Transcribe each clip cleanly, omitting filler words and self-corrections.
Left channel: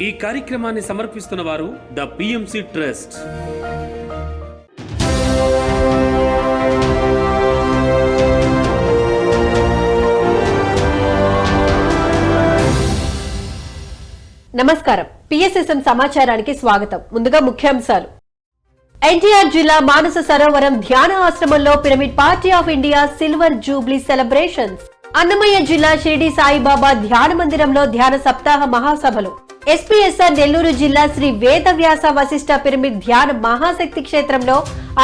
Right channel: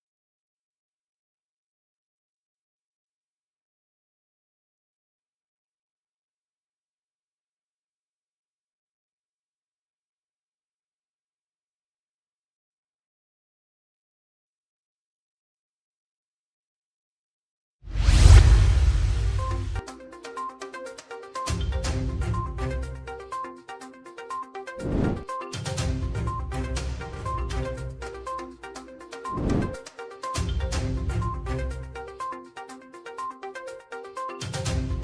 ఈ కార్యక్రమాన్ని సమర్పిస్తున్న వారు ద పిఎంసి ట్రస్ట్. నమస్కారం. పిఎస్ఎస్ఎం సమాచారానికి స్వాగతం. ముందుగా ముఖ్యాంశాలు. ఎన్టీఆర్ జిల్లా మానస సరోవరం ధ్యాన ఆశ్రమంలో Pyramid Party of India silver jubilee celebrations. Annamayya జిల్లా షిరిడి సాయిబాబా ధ్యాన మందిరంలో ధ్యాన సప్తాహ మహాసభలు. ఎస్పీఎస్ఆర్ నెల్లూరు జిల్లా శ్రీ వేదవ్యాస వశిష్ఠ పిరమిడ్ ధ్యాన మహాశక్తి క్షేత్రంలో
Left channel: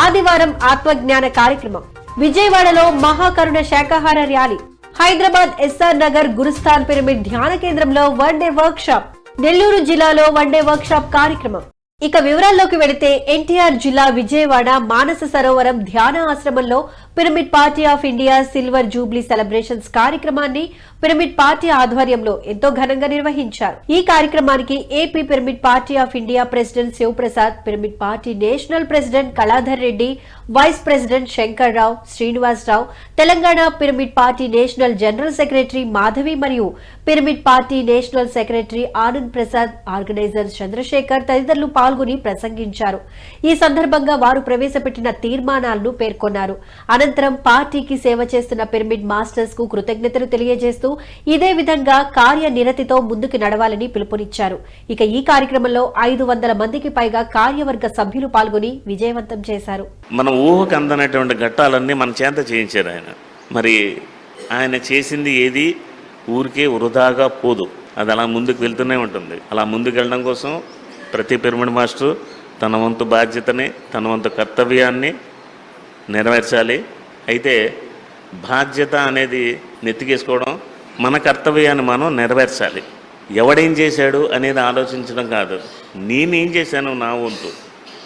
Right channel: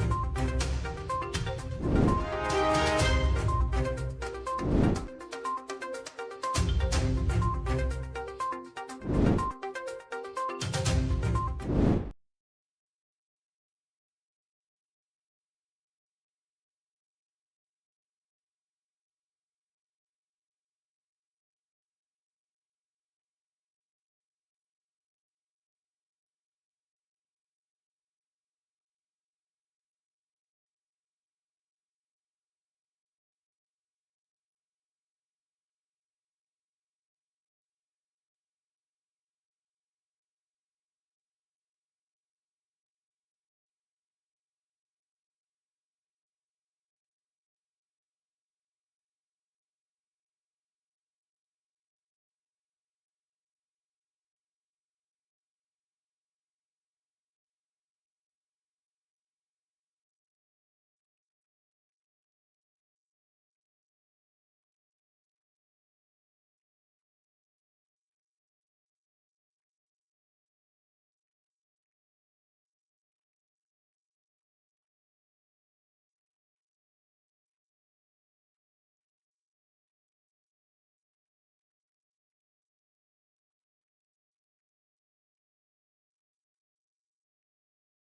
ఆదివారం ఆత్మజ్ఞాన కార్యక్రమం. విజయవాడలో మహాకరుణ శాకాహార rally. Hyderabad SR Nagar Gurusthan pyramid ధ్యాన కేంద్రంలో one day work shop. Nellore జిల్లాలో వన్ డే వర్క్ షాప్ కార్యక్రమం. ఇక వివరాల్లోకి వెళితే ఎన్టీఆర్ జిల్లా విజయవాడ మానస సరోవరం ధ్యాన ఆశ్రమంలో Pyramid Party of India silver jubilee celebrations కార్యక్రమాన్ని పిరమిడ్ పార్టీ ఆధ్వర్యంలో ఎంతో ఘనంగా నిర్వహించారు. ఈ కార్యక్రమానికి AP Pyramid Party of India president Sivaprasad, Pyramid Party national president Kaladhar Reddy, vice president Shankar Rao, Srinivasarao, Telangana Pyramid Party national general secretary Madhavi మరియు Pyramid Party national secretary Anand Prasad, organiser Chandrasekhar తదితరులు పాల్గొని ప్రసంగించారు. ఈ సందర్భంగా వారు ప్రవేశపెట్టిన తీర్మానాలను పేర్కొన్నారు. అనంతరం పార్టీకి సేవ చేస్తున్న పిరమిడ్ మాస్టర్స్ కు కృతజ్ఞతలు తెలియజేస్తూ ఇదే విధంగా కార్యనిరతితో ముందుకు నడవాలని పిలుపునిచ్చారు. ఇక ఈ కార్యక్రమంలో 500 మందికి పైగా కార్యవర్గ సభ్యులు పాల్గొని విజయవంతం చేశారు. మన ఊహకు అందనటువంటి ఘట్టాలన్నీ మన చేత చేయించారు ఆయన. మరి ఆయన చేసింది ఏది ఊరికే వృధాగా పోదు, అది అలా ముందుకు వెళ్తూనే ఉంటుంది. అలా ముందుకు వెళ్ళడం కోసం ప్రతి పిరమిడ్ మాస్టర్ తన వంతు బాధ్యతని, తన వంతు కర్తవ్యాన్ని నెరవేర్చాలి. అయితే బాధ్యత అనేది నెత్తికేసుకోవడం, మన కర్తవ్యాన్ని మనం నెరవేర్చాలి. ఎవడేం చేశాడు అనేది ఆలోచించడం కాదు, నేనేం చేశాను నా వంతు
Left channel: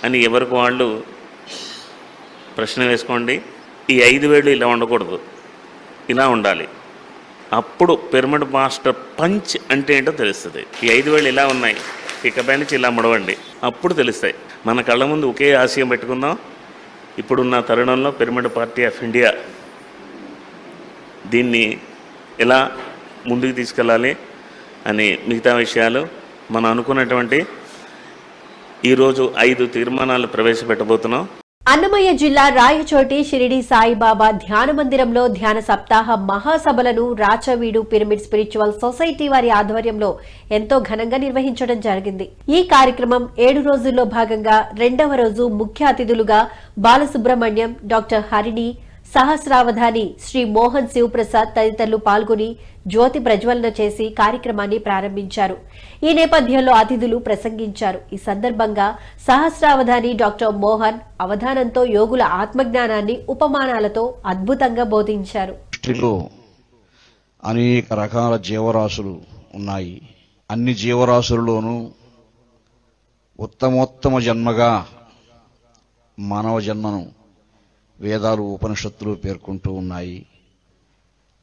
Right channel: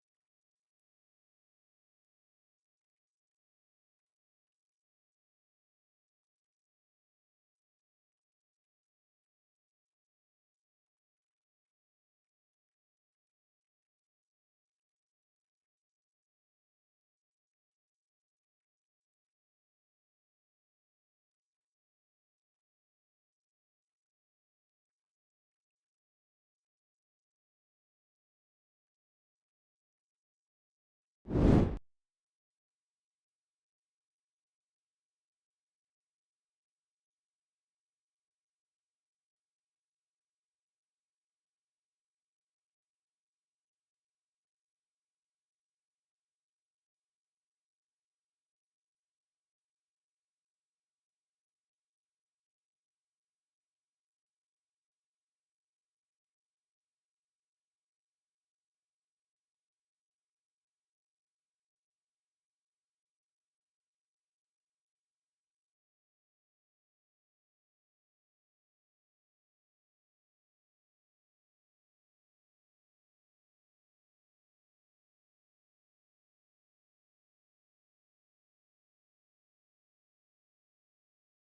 అని ఎవరికి వాళ్ళు ప్రశ్న వేసుకోండి. ఈ 5 వేళ్ళు ఇలా ఉండకూడదు, ఇలా ఉండాలి. అప్పుడు పిరమిడ్ మాస్టర్ పంచ్ అంటే ఏంటో తెలుస్తుంది. ఈ 5 వేళ్ళు ఇలా ఉన్నాయి, ఇకపై నుంచి ఇలా ముడవండి, అప్పుడు తెలుస్తాయి. మన కళ్ళ ముందు ఒకే ఆశయం పెట్టుకుందాం. ఇప్పుడున్న తరుణంలో పిరమిడ్ పార్టీ ఆఫ్ ఇండియా దీన్ని ఎలా ముందుకు తీసుకెళ్ళాలి అని మిగతా విషయాలు మనం అనుకున్నటువంటి ఈరోజు 5 తీర్మానాలు ప్రవేశపెట్టబోతున్నాం. అన్నమయ్య జిల్లా రాయచోటి షిరిడి సాయిబాబా ధ్యాన మందిరంలో ధ్యాన సప్తాహ మహాసభలను రాచవీడు పిరమిడ్ స్పిరిచువల్ సొసైటీ వారి ఆధ్వర్యంలో ఎంతో ఘనంగా నిర్వహించడం జరిగింది. ఈ కార్యక్రమం 7 రోజుల్లో భాగంగా 2వ రోజు ముఖ్య అతిథులుగా బాలసుబ్రహ్మణ్యం, డాక్టర్ హరిణి, సహస్రావధాని శ్రీ మోహన్ శివప్రసాద్ తదితరులు పాల్గొని జ్యోతి ప్రజ్వలన చేసి కార్యక్రమాన్ని ప్రారంభించారు. ఈ నేపథ్యంలో అతిథులు ప్రసంగించారు. ఈ సందర్భంగా సహస్రావధాని డాక్టర్ మోహన్ అవధానంతో యోగుల ఆత్మజ్ఞానాన్ని ఉపమానాలతో అద్భుతంగా బోధించారు. అనేక రకాల జీవరాశులు ఉన్నాయి. అన్ని జీవరాశులలోనూ ఉత్తమోత్తమ జన్మగా మానవ జన్మను వేదాలు, ఉపనిషత్తులు పేర్కొంటూ ఉన్నాయి.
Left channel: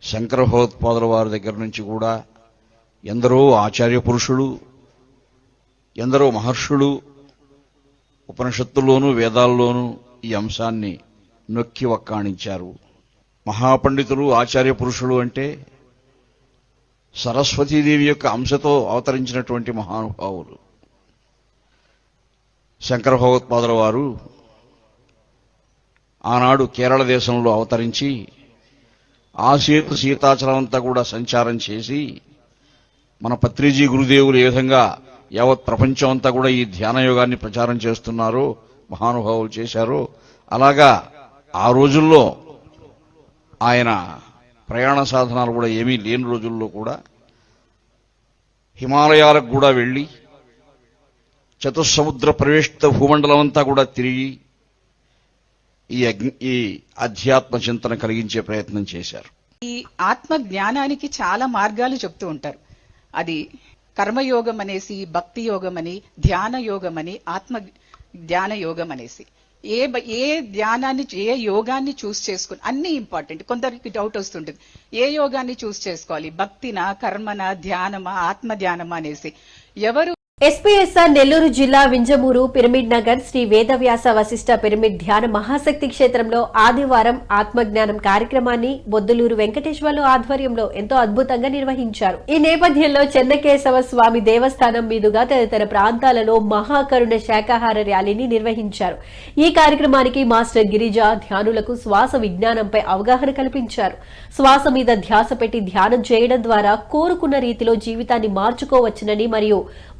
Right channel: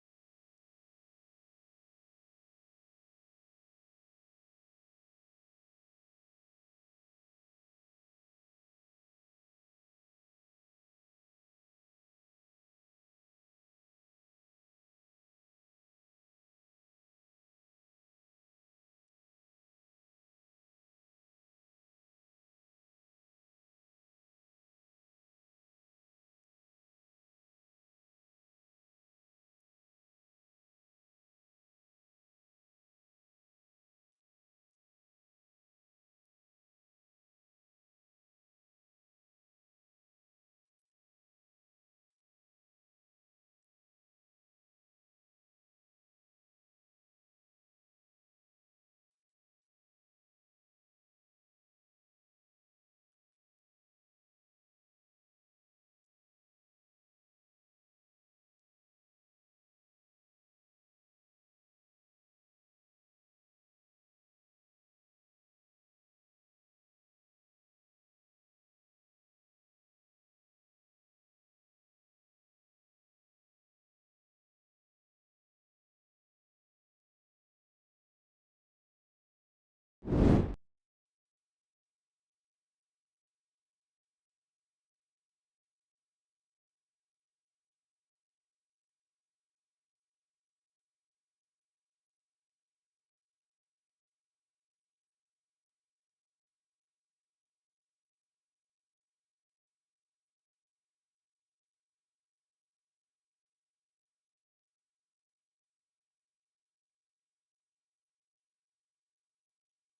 శంకర భగవత్పాదుల వారి దగ్గర నుంచి కూడా ఎందరో ఆచార్య పురుషులు, ఎందరో మహర్షులు ఉపనిషత్తుల్లోనూ వేదాల్లోనూ ఈ అంశాన్ని నొక్కి వక్కాణించారు. మహాపండితులు, ఆచార్య పురుషులు అంటే సరస్వతీదేవి యొక్క అంశతో అవతరించినటువంటి మహానుభావులు. శంకర భగవత్పాదుల వారు ఆనాడు కేరళ దేశంలో అవతరించి సీతాచలం అంతా కూడా సంచారం చేసి మన పత్రిజీ గురుదేవులు ఏ విధంగా యావత్ ప్రపంచం అంతా కూడా ఈ ధ్యాన యోగాన్ని ప్రచారం చేస్తున్నారో, మహానుభావులు చేశారో, అలాగా ఆ రోజుల్లో ఆయన ప్రయాణ సాధనాలు కూడా ఏమీ లేని రోజుల్లో కూడా హిమాలయాలకు కూడా వెళ్ళి చతుస్సముద్ర ప్రవేశిత భూమండలం అంతా కూడా తిరిగి ఈ అధ్యాత్మ చింతన కలిగించే ప్రయత్నం చేశారు. ఈ ఆత్మ జ్ఞానానికి చాలా మార్గాలు చెప్తూ ఉంటారు. అది కర్మయోగం అనేసి, భక్తి యోగం అని, ధ్యాన యోగం అని, ఆత్మ ధ్యాన యోగం అనేసి ఏ ధ్యానాన్ని, ఏ యోగాన్ని చూస్ చేసుకుని అన్ని ఇంపార్టెంట్. కొందరికి డౌట్ వస్తుంటుంది, ఏ యోగాన్ని చూస్ చేసుకోవాలి, భక్తినా, కర్మనా, ధ్యానమా, ఆత్మ ధ్యానమా అనేసి. ఎవరు ఎస్పీఎస్ఆర్ నెల్లూరు జిల్లా వింజమూరు పిరమిడ్ నగర్ శ్రీ వేదవ్యాస వశిష్ఠ పిరమిడ్ ధ్యాన మహాశక్తి క్షేత్రంలో ఆదివారం ఆత్మజ్ఞానం కార్యక్రమాన్ని బొద్దులూరు వెంకటేశ్వర్లు ఆధ్వర్యంలో ఎంతో అద్భుతంగా నిర్వహించారు. ఈ నేపథ్యంలో చెన్నకేశవ స్వామి దేవస్థానం మీదుగా తదితర ప్రాంతాలలో మహాకరుణ శాకాహార ర్యాలీని నిర్వహించారు. ఈ కార్యక్రమానికి మాస్టర్ గిరిజ ధ్యానులకు శ్వాస విజ్ఞానంపై అవగాహన కల్పించారు. శ్వాస మీద ధ్యాస పెట్టి ధ్యానం చేయడం ద్వారా కోరుకున్న రీతిలో జీవితాన్ని మార్చుకోవచ్చునని మరియు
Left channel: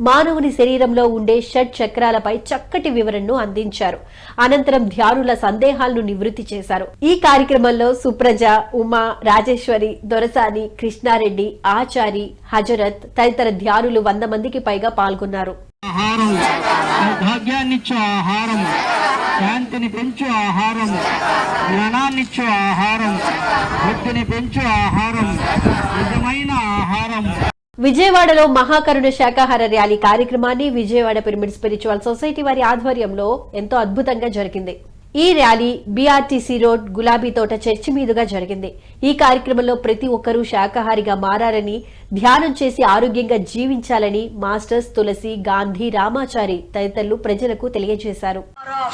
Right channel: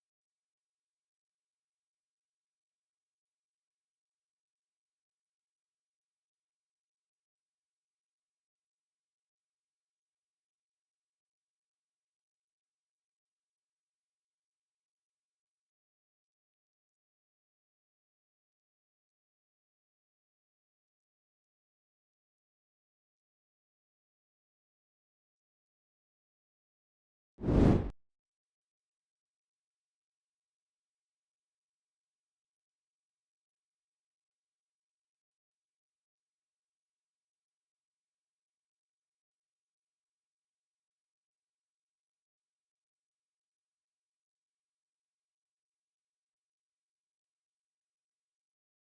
మానవుని శరీరంలో ఉండే షట్ చక్రాలపై చక్కటి వివరణను అందించారు. అనంతరం ధ్యానుల సందేహాలను నివృత్తి చేశారు. ఈ కార్యక్రమంలో సుప్రజ, ఉమా, రాజేశ్వరి, దొరసాని, కృష్ణారెడ్డి, ఆచారి, హజరత్ తదితర ధ్యానులు 100 మందికి పైగా పాల్గొన్నారు. ఆహారం భాగ్యాన్నిచ్చు ఆహారం, శాంతిని పెంచు ఆహారం, జ్ఞానాన్నిచ్చు ఆహారం, బుద్ధిని పెంచు ఆహారం, నిజమైన ఆహారం. విజయవాడలో మహాకరుణ శాకాహార ర్యాలీ కార్యక్రమాన్ని విజయవాడ పిరమిడ్ స్పిరిచువల్ సొసైటీ వారి ఆధ్వర్యంలో ఎంతో అద్భుతంగా జరిగింది. ఈ ర్యాలీ బీఆర్టీసీ రోడ్ గులాబీ తోట చర్చి మీదుగా జరిగింది. ఈ కార్యక్రమంలో ప్రతి ఒక్కరూ శాకాహారిగా మారాలని, ధ్యానం చేసి ఆరోగ్యంగా జీవించాలని మాస్టర్స్ తులసి, గాంధీ, రామాచారి తదితరులు ప్రజలకు తెలియజేశారు.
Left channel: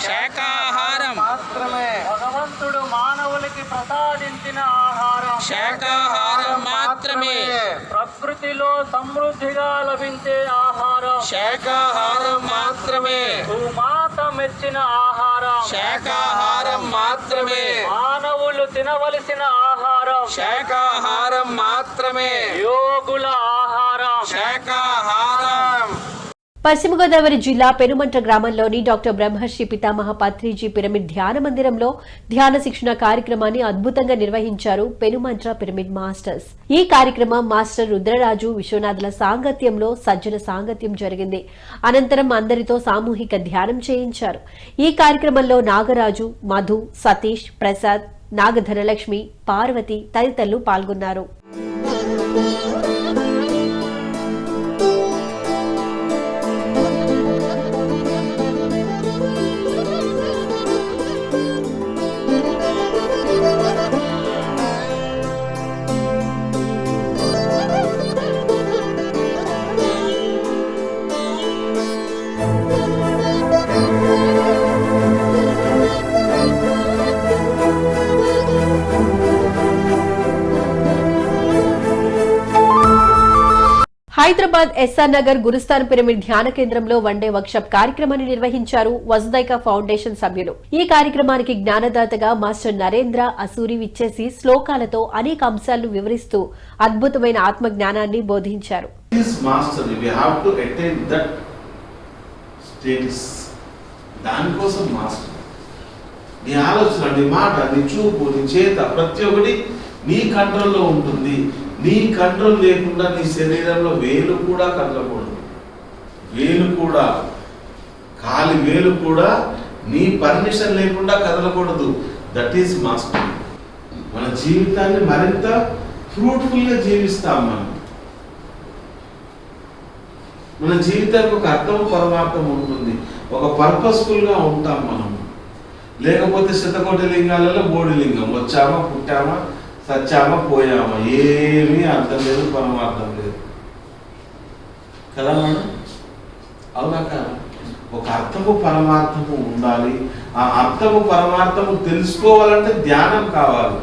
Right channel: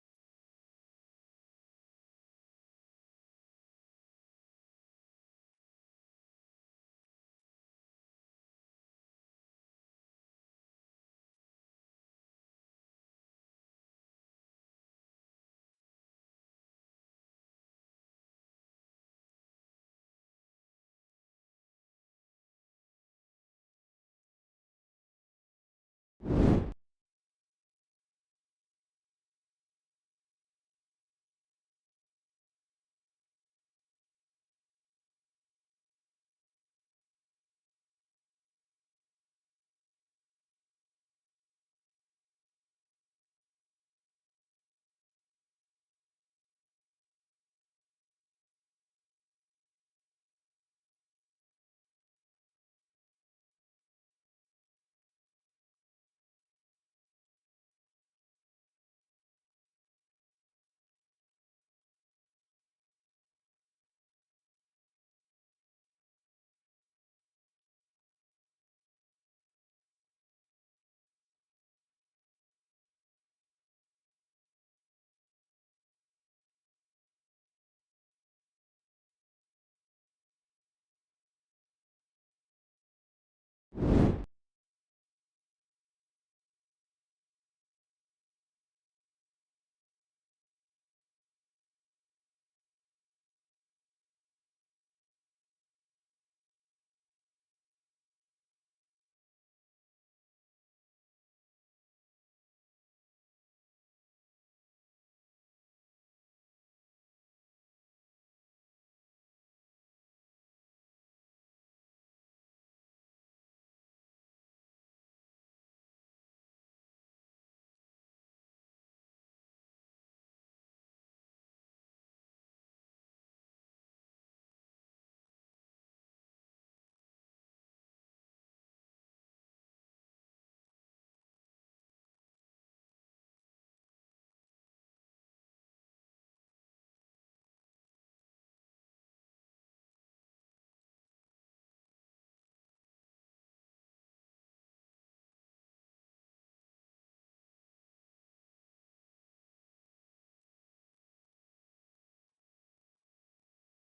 శాకాహారం మాత్రమే భగవంతుడు మానవులకి ప్రసాదించిన ఆహారం, శాకాహారం మాత్రమే ప్రకృతిలో సమృద్ధిగా లభించే ఆహారం, శాకాహారం మాత్రమే భూమాత మెచ్చిన ఆహారం, శాకాహారం మాత్రమే మానవులు తినవలసిన ఆహారం, శాకాహారం మాత్రమే యోగుల ఆహారం, శాకాహారం. పశ్చిమ గోదావరి జిల్లా పెనుమంట్ర గ్రామంలోని డాక్టర్ బ్రహ్మర్షి పితామహ పత్రిజీ పిరమిడ్ ధ్యాన మందిరంలో ధ్యాన శిక్షణ కార్యక్రమాన్ని అద్భుతంగా నిర్వహించారు పెనుమంట్ర పిరమిడ్ మాస్టర్స్. ఈ కార్యక్రమం మాస్టర్ రుద్రరాజు, విశ్వనాథుల సాంగత్యంలో సజ్జన సాంగత్యం జరిగింది. అనంతరం అందరితో సామూహిక ధ్యానం చేయించారు. ఈ కార్యక్రమంలో నాగరాజు, మధు, సతీష్, ప్రసాద్, నాగధనలక్ష్మి, పార్వతి తదితరులు పాల్గొన్నారు. హైదరాబాద్ ఎస్ఆర్ నగర్ గురుస్థాన్ పిరమిడ్ ధ్యాన కేంద్రంలో వన్డే వర్క్షాప్ కార్యక్రమాన్ని నిర్వహించారు వసుదైక ఫౌండేషన్ సభ్యులు. ఈ కార్యక్రమానికి జ్ఞానదాతగా మాస్టర్ నరేంద్ర అసూరి విచ్చేసి శ్లోకాలతో అనేక అంశాలను వివరిస్తూ అద్భుతమైన ఆత్మ జ్ఞానాన్ని బోధించారు. దానికోసం మాస్టర్ నీ ఆలోచన, నీ మాట, నీ చూపు, నీ చేత ప్రతి ఒక్కటి నీ కంట్రోల్లో ఉంటుంది. నీ కంట్రోల్ లేకుండా నీ శరీరంలో వేలు కూడా కదలకూడదు. వేలు కూడా, కాలి వేలు కూడా నీ పర్మిషన్ లేకుండా కదలకూడదు. That is master. మన జీవితాన్ని మరింత ఫ్రూట్ఫుల్గా జీవిస్తాం. మన జీవితానికి ఒక అర్థం, పరమార్థం ఉంటుంది. ఒక పర్పస్ఫుల్గా ఉంటాం మనం. లేకపోతే శతకోటి లింగాలలో బోడి లింగం, వచ్చామా, పుట్టామా, సచ్చామా, పోయామా, ఏమీ అర్థం లేదు, పరమార్థం లేదు కదా మేడం? అవునా కదా? ఒక అర్థము పరమార్థము ఉండాలి. ఆ అర్థము పరమార్థము తెలుసుకోవాలంటే ధ్యానం కావాలి.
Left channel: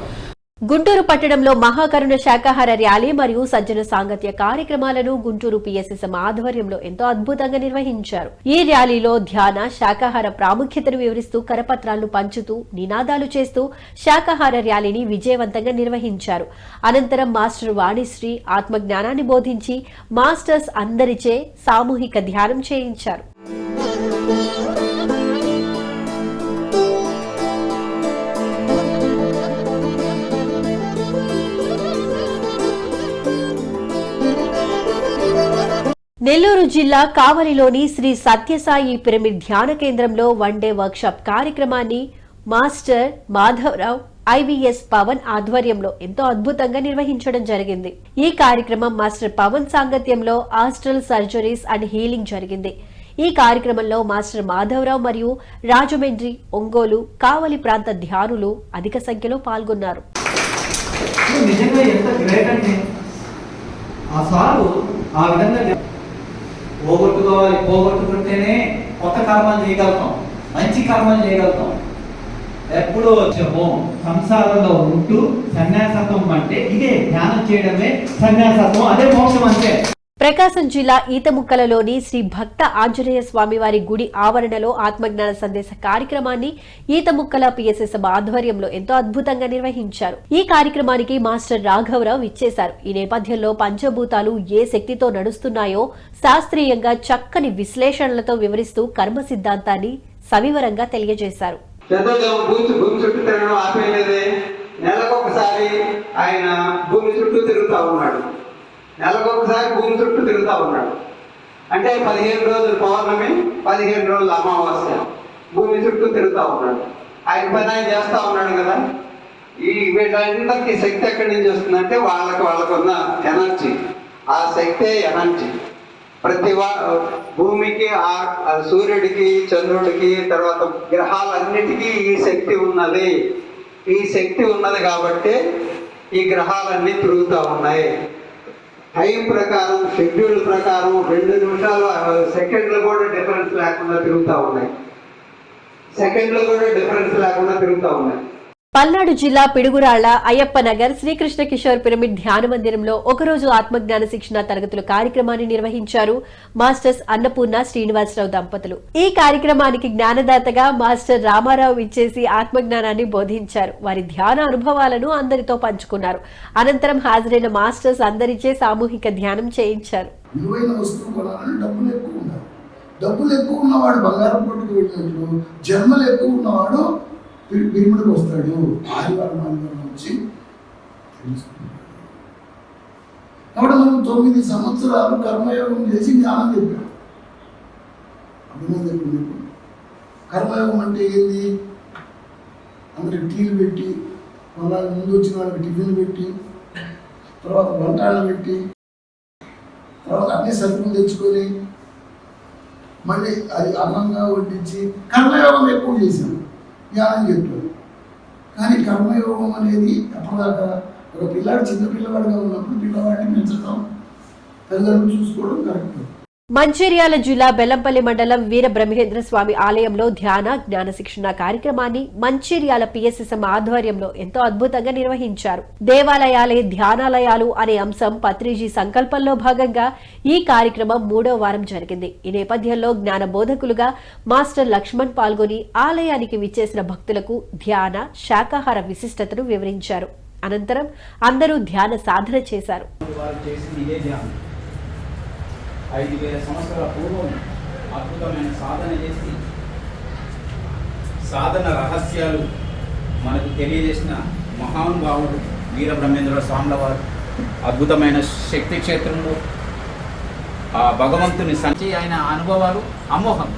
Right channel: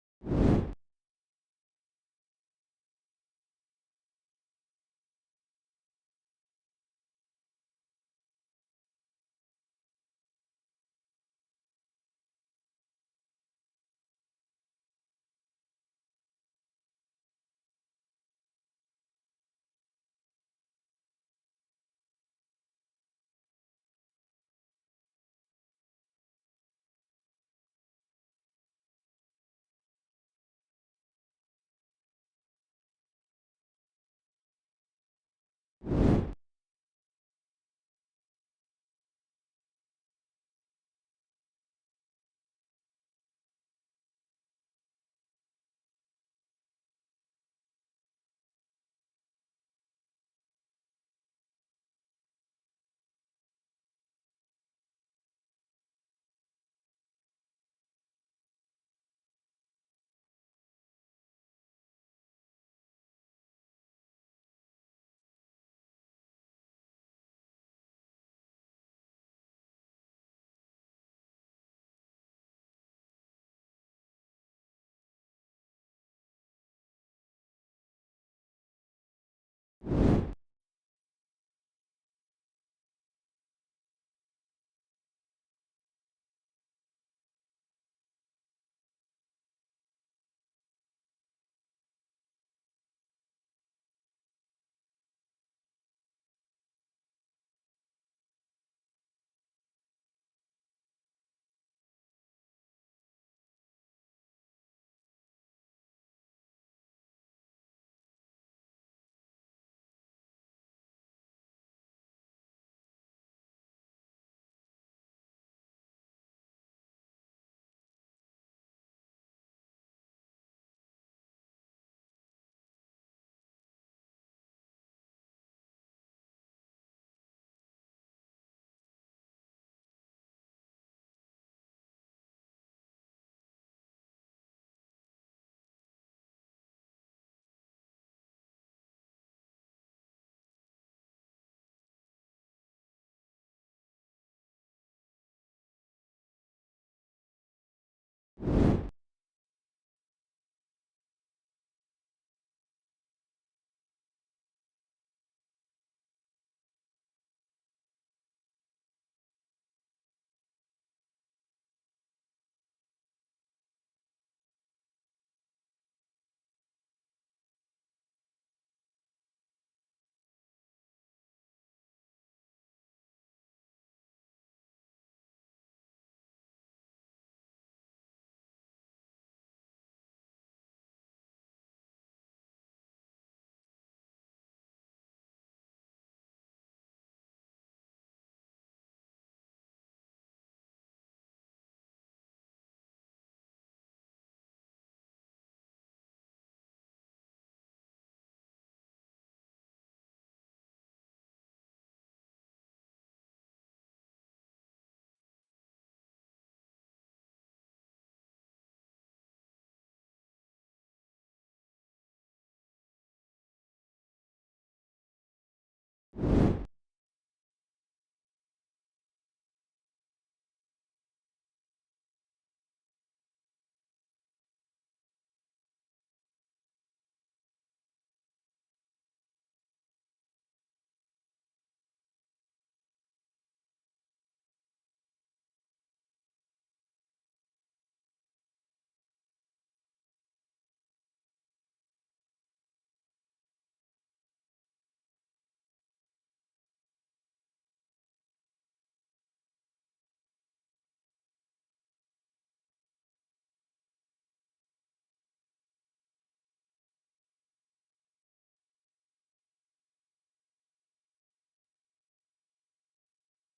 గుంటూరు పట్టణంలో మహాకరుణ శాకాహార ర్యాలీ మరియు సజ్జన సాంగత్య కార్యక్రమాలను గుంటూరు పిఎస్ఎస్ఎం ఆధ్వర్యంలో ఎంతో అద్భుతంగా నిర్వహించారు. ఈ ర్యాలీలో ధ్యాన, శాకాహార ప్రాముఖ్యతను వివరిస్తూ కరపత్రాలను పంచుతూ, నినాదాలు చేస్తూ శాకాహార ర్యాలీని విజయవంతంగా నిర్వహించారు. అనంతరం మాస్టర్ వాణిశ్రీ ఆత్మజ్ఞానాన్ని బోధించి మాస్టర్స్ అందరిచే సామూహిక ధ్యానం చేయించారు. నెల్లూరు జిల్లా కావలిలోని శ్రీ సత్యసాయి పిరమిడ్ ధ్యాన కేంద్రంలో వన్డే వర్క్షాప్ కార్యక్రమాన్ని మాస్టర్ మాధవరావు, ఐవీఎస్ పవన్ ఆధ్వర్యంలో ఎంతో అద్భుతంగా నిర్వహించడం జరిగింది. ఈ కార్యక్రమం మాస్టర్ పవన్ సాంగత్యంలో ఆస్ట్రల్ సర్జరీస్ అండ్ హీలింగ్ జరిగింది. ఈ కార్యక్రమంలో మాస్టర్ మాధవరావు మరియు రాజమండ్రి, ఒంగోలు, కావలి ప్రాంత ధ్యానులు అధిక సంఖ్యలో పాల్గొన్నారు. నిజంగా ఎంత గ్రేట్ అంటే ఆ సారు ఆ విధంగా పోగొట్టుకోవాలి. పోగొట్టుకుంటేనే కొత్త కర్మలు చేయగలుగుతాం, మంచి కర్మలు చేయగలుగుతాం. ఎప్పుడూ సంసారంలో ఉంటూ సన్యాసత్వం అంటే ఇదే, ధ్యానం చేయడమే సన్యాసత్వం, అదే మోక్షం అంతే. ప్రకాశం జిల్లా ఈతముక్కలలోని శ్రీ భక్త ఆంజనేయ స్వామివారి గుడి ఆవరణలో ఆత్మజ్ఞాన సందేశ కార్యక్రమాన్ని ఈతముక్కల పిఎస్ఎస్ఎం ఆధ్వర్యంలో ఎంతో అద్భుతంగా నిర్వహించారు. ఈ కార్యక్రమానికి మాస్టర్ రాఘవరావు ఇచ్చేశారు. ఈ నేపథ్యంలో పంచభూతాలు ఏ శక్తితో నడుస్తున్నాయో శాస్త్రీయంగా చక్కని విశ్లేషణలతో వివరిస్తూ కర్మ సిద్ధాంతాన్ని సవివరంగా తెలియజేశారు. భూమి చుట్టూ తిరగడం ఆపేయలేదే. నెలకొకసారి ఆయన భూమి చుట్టూ తిరుగుతా ఉన్నాడు. నెలకొకసారి భూమి చుట్టూ తిరుగుతా ఉన్నాడు. అంటే 15 రోజులు పౌర్ణమి, 15 రోజులు అమావాస్య, భూమి చుట్టూ తిరుగుతా ఉన్నాడు. ఆయన పని ఆయన చేస్తా ఉన్నాడు కదా. ఈ వీళ్ళందరికీ శక్తి ఎక్కడి నుంచి వస్తుందంటే వాళ్ళకున్న ఎనర్జీ. ఆ శక్తే ఎనర్జీ. ప్రతి భూమికి, సూర్యుడికి, చంద్రుడికి, తర్వాత గ్రహాలన్నిటికీ ఈ శక్తి ఉన్నది. ఈ శక్తి ఉన్నది కాబట్టి ఈ గ్రహాలన్నీ తిరుగుతూ ఉన్నాయి. టైం ప్రకారం, షెడ్యూల్ ప్రకారం 2 నిమిషాలు సెకండ్లు కూడా డిఫరెన్స్ లేకుండా తిరుగుతూ ఉన్నాయి. పల్నాడు జిల్లా పిడుగురాళ్ల అయ్యప్ప నగర్ శ్రీకృష్ణ కిషోర్ పిరమిడ్ ధ్యాన మందిరంలో ఒకరోజు ఆత్మజ్ఞాన శిక్షణ తరగతుల కార్యక్రమాన్ని నిర్వహించారు మాస్టర్స్ అన్నపూర్ణ శ్రీనివాసరావు దంపతులు. ఈ కార్యక్రమానికి జ్ఞానదాతగా మాస్టర్ రామారావు ఇచ్చేసి ఆత్మజ్ఞానాన్ని బోధించారు. వారి ధ్యాన అనుభవాలను అందరితో పంచుకున్నారు. అనంతరం హాజరైన మాస్టర్స్ అందరిచే సామూహిక ధ్యానం చేయించారు. డబ్బులు ఎక్కువ ఉన్నవాడు బంగారం కొట్టుకు వెళ్ళినట్లు, జన్మలు ఎక్కువ ఉన్నవాడు పిరమిడ్కి వస్తాడు. ఆదివారం నుంచి కాబట్టి మనం 9 సంవత్సరాలు కర్మయోగం చేసి జ్ఞానం చెప్పాం. అభినందన మీకు. కర్మయోగం అంటే ఏంది? అందరికి టీలు పెట్టి, మళ్ళీ ముందు వచ్చిన వాళ్ళకి టిఫిన్ పెట్టి, తర్వాత వంటలు పెట్టి, తర్వాత అన్ని సరుకులు తెచ్చుకొని మళ్ళీ అది అన్నంగా వడ్డించి కర్మయోగం ఎక్కువ చేశాను, జ్ఞానం చెప్పాను. కానీ కర్మయోగం అనేది అప్పటిదాకా ఒక పిల్లాడు చిన్న పిల్లవాడిగా ఉన్నప్పుడు పిల్లవాడిని పెంచడం, తల్లిదండ్రులు చూసుకోవడం కరెక్ట్. మంచిర్యాల జిల్లా బెల్లంపల్లి మండలం వీర బ్రహ్మేంద్ర స్వామి ఆలయంలో ధ్యాన జ్ఞాన శిక్షణ కార్యక్రమాన్ని మంచిర్యాల పిఎస్ఎస్ఎం ఆధ్వర్యంలో ఎంతో అద్భుతంగా నిర్వహించారు. దేవాలయాలే ధ్యానాలయాలు అనే అంశం పత్రిజీ సంకల్పంలో భాగంగా ఈ కార్యక్రమం 3వ వారం జరిగింది. ఈ నేపథ్యంలో జ్ఞాన బోధకులుగా మాస్టర్ లక్ష్మణ్ పాల్గొని ఆలయానికి విచ్చేసిన భక్తులకు ధ్యాన శాకాహార విశిష్టతను వివరించారు. అనంతరం అందరూ ధ్యాన సాధన చేశారు. 5000 సంవత్సరాల పూర్వం అద్భుతమైన సాధన చేసి సాధన రహస్యాలు మనకు తెలియజేసిన మహానుభావుడు వీర బ్రహ్మేంద్ర స్వాముల వారు అద్భుతమైన శక్తి క్షేత్రంలో ఆ భగవంతుని సంచి ఆయన అనుభవాలు అమోఘం.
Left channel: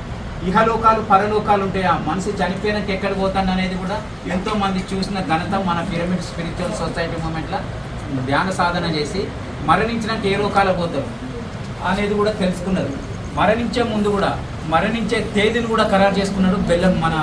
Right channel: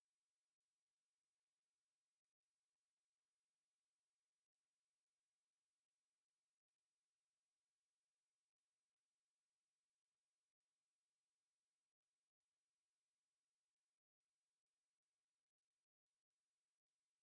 ఇహలోకాలు పరలోకాలు ఉంటాయి. ఆ మనిషి చనిపోయినాక ఎక్కడ పోతాను అనేది కూడా ఎంతో మంది చూసిన ఘనత మన పిరమిడ్ స్పిరిచువల్ సొసైటీ మూమెంట్లో ధ్యాన సాధన చేసి మరణించినాక ఏ లోకాలకు పోతారు అనేది కూడా తెలుసుకున్నారు. మరణించే ముందు కూడా మరణించే తేదీని కూడా ఖరారు చేసుకున్నాడు. బెల్లం మన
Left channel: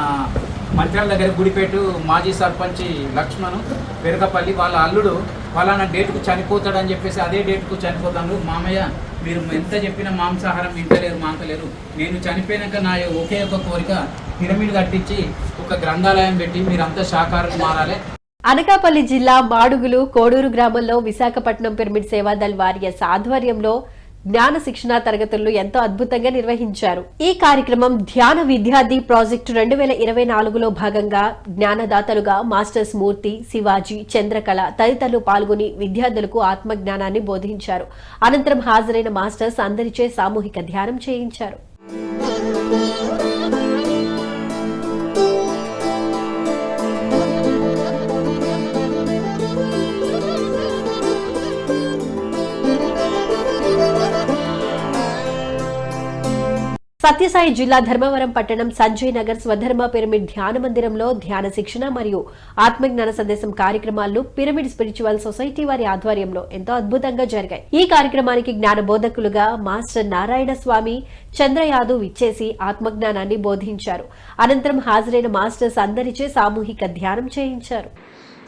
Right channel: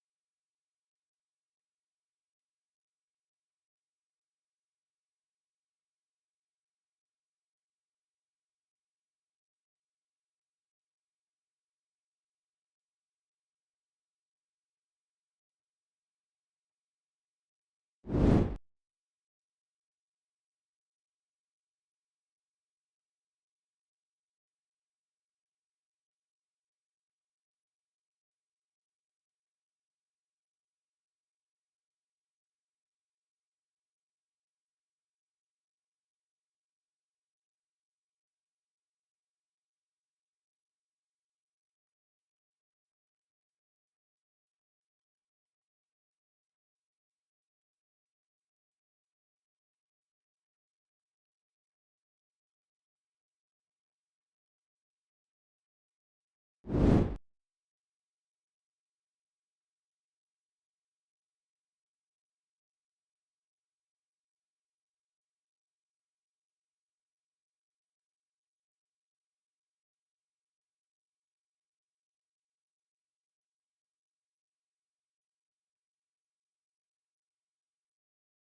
మంత్రాల దగ్గర గుడిపేట మాజీ సర్పంచ్ లక్ష్మణ్ వెరకపల్లి వాళ్ళ అల్లుడు ఫలానా డేట్కు చనిపోతాడని చెప్పేసి అదే డేట్కు చనిపోతాడు. మామయ్య మీరు ఎంత చెప్పినా మాంసాహారం తింటలేరు, మాంతలేరు, నేను చనిపోయినాక నా ఒకే ఒక కోరిక పిరమిడ్ కట్టించి ఒక గ్రంథాలయం పెట్టి మీరంతా శాకాహారం మారాలి. అనకాపల్లి జిల్లా మాడుగులు కోడూరు గ్రామంలో విశాఖపట్నం పిరమిడ్ సేవాదళ్ వారియర్స్ ఆధ్వర్యంలో జ్ఞాన శిక్షణ తరగతులను ఎంతో అద్భుతంగా నిర్వహించారు. ఈ కార్యక్రమం ధ్యాన విద్యార్థి ప్రాజెక్టు 2024లో భాగంగా జ్ఞానదాతలుగా మాస్టర్స్ మూర్తి, శివాజీ, చంద్రకళ తదితరులు పాల్గొని విద్యార్థులకు ఆత్మజ్ఞానాన్ని బోధించారు. అనంతరం హాజరైన మాస్టర్స్ అందరిచే సామూహిక ధ్యానం చేయించారు. సత్యసాయి జిల్లా ధర్మవరం పట్టణం సంజయ్ నగర్ స్వధర్మ పిరమిడ్ ధ్యాన మందిరంలో ధ్యాన శిక్షణ మరియు ఆత్మజ్ఞాన సందేశం కార్యక్రమాలు పిరమిడ్ స్పిరిచువల్ సొసైటీ వారి ఆధ్వర్యంలో ఎంతో అద్భుతంగా జరిగాయి. ఈ కార్యక్రమానికి జ్ఞాన బోధకులుగా మాస్టర్ నారాయణ స్వామి, చంద్రయాదవ్ ఇచ్చేసి ఆత్మజ్ఞానాన్ని బోధించారు. అనంతరం హాజరైన మాస్టర్స్ అందరిచే సామూహిక ధ్యానం చేయించారు.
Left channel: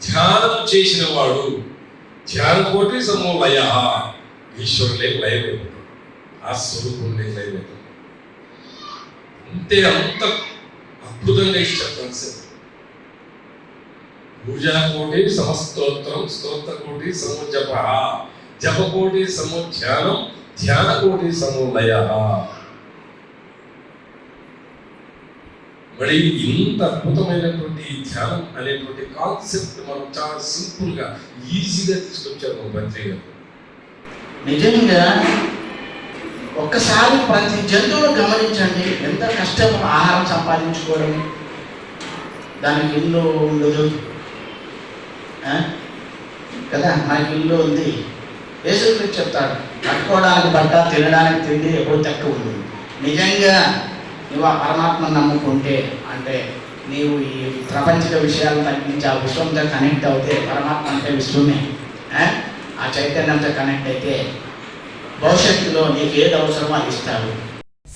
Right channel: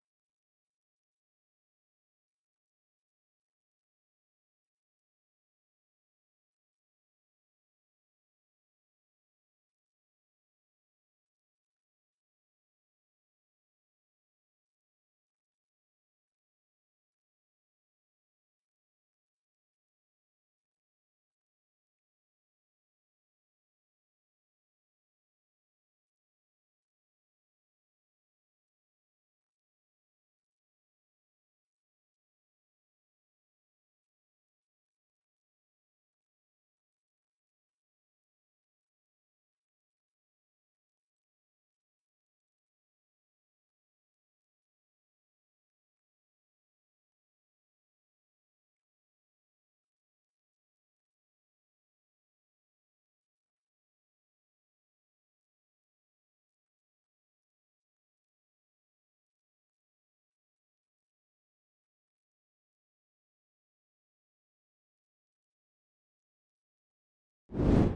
ధ్యానం చేసిన వాడు ధ్యాన కోటి సమోలయ ఈశ్వరులే లయం. ఆ స్వరూపం లేదు. అంటే అంత అద్భుతంగా ఇచ్చారు కాన్సెప్ట్. పూజాకోటి సమస్తోత్రం, స్తోత్రకోటి సమోజప, జపకోటి సమోధ్యానం, ధ్యానకోటి సమోలయ. మరి ఇంత అద్భుతమైనటువంటి ధ్యానం అనేటువంటి కాన్సెప్ట్ మనం చాలా సింపుల్ గా ఈజీగా తీసుకొచ్చారు మన మంత్రి గారు. నిజంగా ఒక్కసారి ప్రతి జంతువును గమనించండి, ఎంత కష్టం ఆహారం సంపాదించుకోవడం, దానికి ఇల్లు ఉండదు కదా, మనకి ఇల్లు ఉంది. యేసుక్రీస్తు చెప్తాడు, కట్టుకోవడానికి బట్ట, తినడానికి తిండి ఎప్పుడు తక్కువ ఉంది. నిజంగా నువ్వు ఆ పరమాత్మను నమ్ముకుంటే, అంటే నీవు ఈ ప్రపంచిక విషయాలు తగ్గించి ఆ విశ్వంతో కనెక్ట్ అవుతే, పరమాత్మ అంటే విశ్వమే, ఆ చైతన్యంతో కనెక్ట్ అయితే భవిష్యత్తులో నీకు ఏది అవసరమో అది ఇస్తాడు.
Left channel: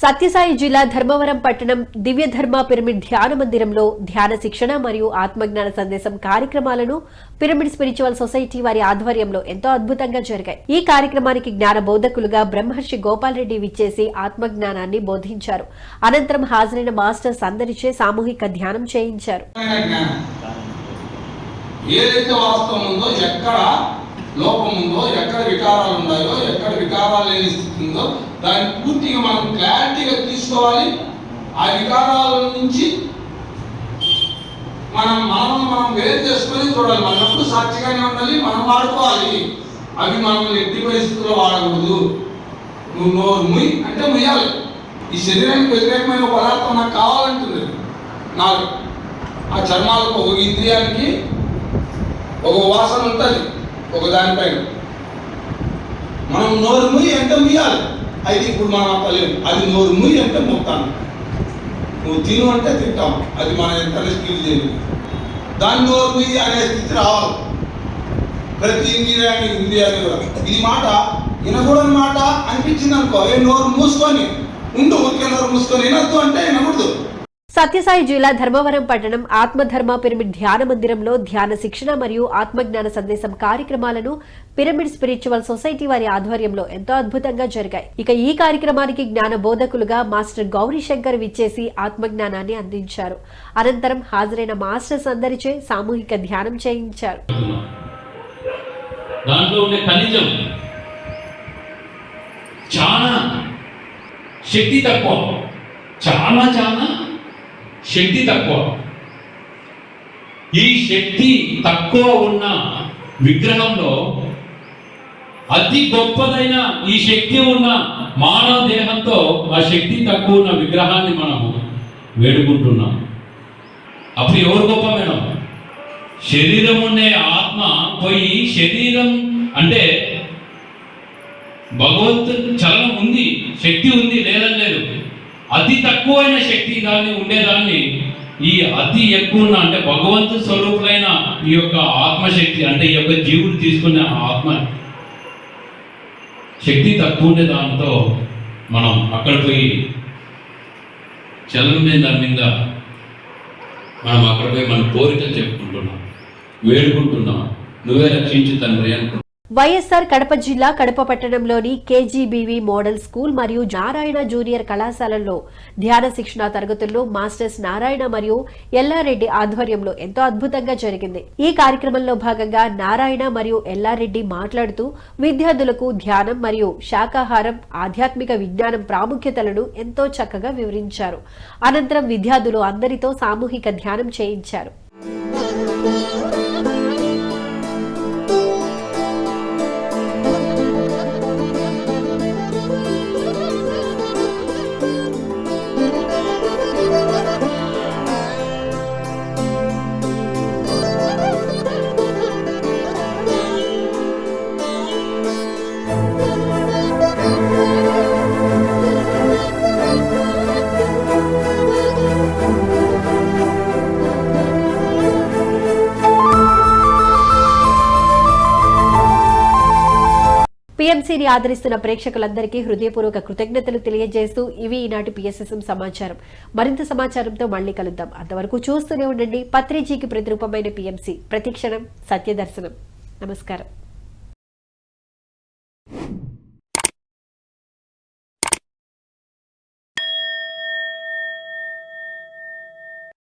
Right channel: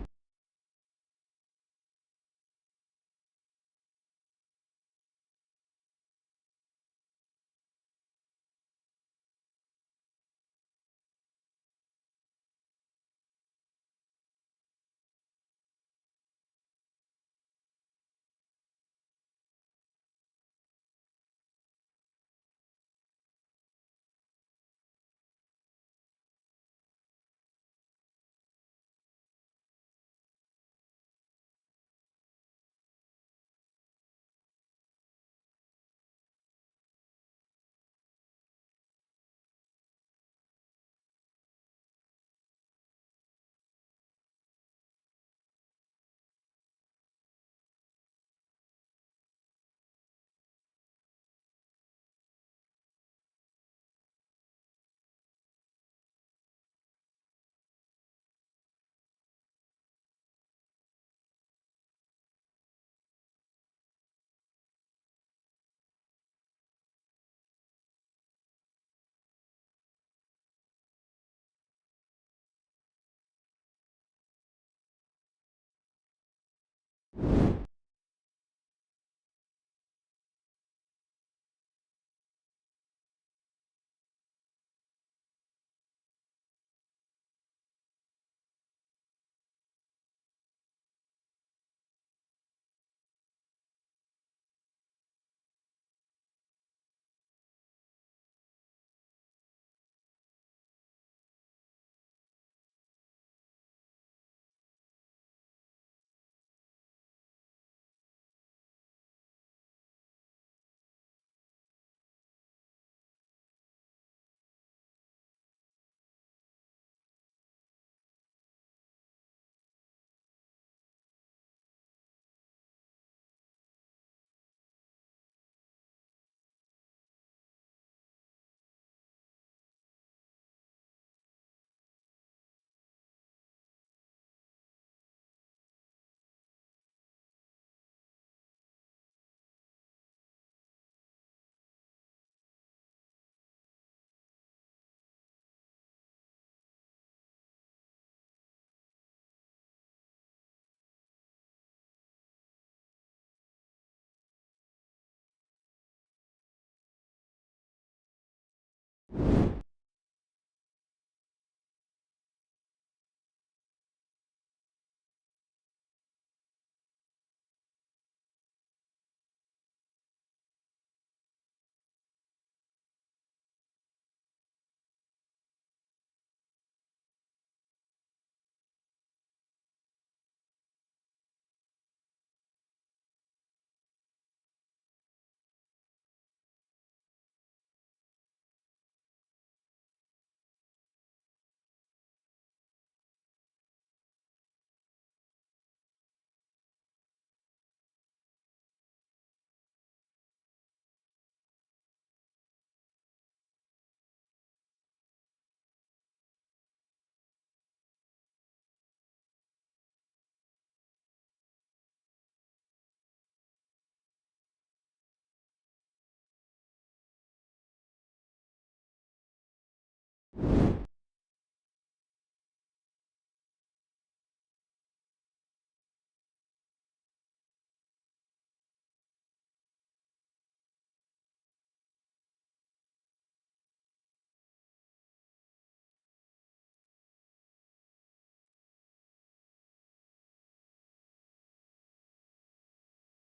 సత్యసాయి జిల్లా ధర్మవరం పట్టణం దివ్య ధర్మ పిరమిడ్ ధ్యాన మందిరంలో ధ్యాన శిక్షణ మరియు ఆత్మజ్ఞాన సందేశం కార్యక్రమాలను పిరమిడ్ స్పిరిచువల్ సొసైటీ వారి ఆధ్వర్యంలో ఎంతో అద్భుతంగా జరిగాయి. ఈ కార్యక్రమానికి జ్ఞాన బోధకులుగా బ్రహ్మర్షి గోపాల్ రెడ్డి విచ్చేసి ఆత్మజ్ఞానాన్ని బోధించారు. అనంతరం హాజరైన మాస్టర్స్ అందరిచే సామూహిక ధ్యానం చేయించారు. ఏదైతే వాస్తవం ఉందో, ఎక్కడ లోపం ఉందో, ఎక్కడ వికారాలు ఉన్నాయో, ఎక్కడ వికారాలు లేని స్థితి ఉందో, దాన్ని పూర్తిగా మనం క్లారిటీగా తీసుకోవాలి. ఆ వికారాల నుంచి మనం వేరు చేసుకొని చూడాలి. మనం ఎప్పుడు సాక్షిగానే ఉండాలి, మనం వాడుకోవాలి. అవి మనం ఎట్టి పరిస్థితుల్లో వాడకూడదు. నువ్వు నోరు ముయ్యి అంటే ముయ్యాలి. ఈ శరీరానికి వ్యతిరేకమైన పదార్థం నాకు కావాలంటుంది. నాకు ఆ చర్మాలకు ఒక ఇంద్రియానికి ఒక వాసన ఉంటుంది, ఒక దానిపైన మనం నోరు ముయ్యి అంటే ముయ్యాలి. అయితే ఇప్పుడు మనం అక్కలేము, అది నోరు ముయ్యి అంటే మొత్తాను. నువ్వు తిను అంటే తింటాం, అది మనం ఎంత స్కిల్ చేయలేదు. దాన్ని నోరు ముయ్యి అనే స్థితి రావాలి ప్రతి ఇంద్రియాన్ని కూడా. ఇది మాట వినకూడని మాట అనిపించింది అనుకో, నోరు మూసుకొని ఉండు, ఊరికే నోరు మూసుకొని వినొద్దు అంటే వినకూడదు. సత్యసాయి జిల్లా ధర్మవరం పట్టణం ఆత్మధర్మ పిరమిడ్ ధ్యాన మందిరంలో ధ్యాన శిక్షణ మరియు ఆత్మజ్ఞాన సందేశం కార్యక్రమాలను పిరమిడ్ స్పిరిచువల్ సొసైటీ వారి ఆధ్వర్యంలో ఎంతో అద్భుతంగా జరిగాయి. ఇక ఈ కార్యక్రమానికి జ్ఞాన బోధకులుగా మాస్టర్ గౌరీ శంకర్ విచ్చేసి ఆత్మజ్ఞానాన్ని అందించారు. అనంతరం హాజరైన మాస్టర్స్ అందరిచే సామూహిక ధ్యానం చేయించారు. దాంట్లో ఉండే ఖనిజం చాలా శక్తి తక్కువ, చాలా శక్తి తక్కువ. ఈ శక్తి తక్కువ ఉన్న విగ్రహంలో అతి గొప్పదైన ఈ శక్తి ఉన్న మానవ దేహంతో ఆ శక్తి తక్కువ ఉన్న విగ్రహాన్ని మనము వేడుకుంటున్నాం. అప్పుడు ఎవరు గొప్ప మేడం? శరీరం ఉండే ఆత్మ పోయి, శరీరం అంటే భగవంతుడు చలనం ఉంది, శక్తి ఉంది, లేదని లేదు. అతి తక్కువైన శక్తి దాన్ని ఉండేదాన్ని ఈ అతి ఎక్కువ అంటే భగవంతు స్వరూపులైన ఈ యొక్క ఆత్మశక్తి, అంటే ఈ యొక్క జీవుడు తీసుకునే ఆత్మ శక్తి తక్కువ ఉండే దాంతో మనం అక్కడ పోయి చలనం మీద దాని మీద మనం అక్కడ పోయి మన కోరికలు చెప్పుకుంటున్నాం, వేడుకుంటున్నాం, నువ్వే రక్షించు తండ్రి అనుకుంటున్నాం. వైఎస్ఆర్ కడప జిల్లా కడప పట్టణంలోని కేజీబీవీ మోడల్ స్కూల్ మరియు నారాయణ జూనియర్ కళాశాలల్లో ధ్యాన శిక్షణ తరగతుల్లో మాస్టర్స్ నారాయణ మరియు ఎల్లారెడ్డి ఆధ్వర్యంలో ఎంతో అద్భుతంగా జరిగింది. ఈ కార్యక్రమంలో భాగంగా నారాయణ మరియు ఎల్లారెడ్డి మాట్లాడుతూ విద్యార్థులకు ధ్యానం మరియు శాకాహారం, ఆధ్యాత్మిక విజ్ఞానం ప్రాముఖ్యతలను ఎంతో చక్కగా వివరించారు. అనంతరం విద్యార్థులు అందరితో సామూహిక ధ్యానం చేయించారు. పిఎంసీని ఆదరిస్తున్న ప్రేక్షకులందరికీ హృదయపూర్వక కృతజ్ఞతలు తెలియజేస్తూ ఇవి ఈనాటి పిఎస్ఎస్ఎం సమాచారం. మరింత సమాచారంతో మళ్లీ కలుద్దాం. అంతవరకు చూస్తూనే ఉండండి పత్రిజీకి ప్రతిరూపమైన పిఎంసీ, ప్రతిక్షణం సత్యదర్శనం. నమస్కారం.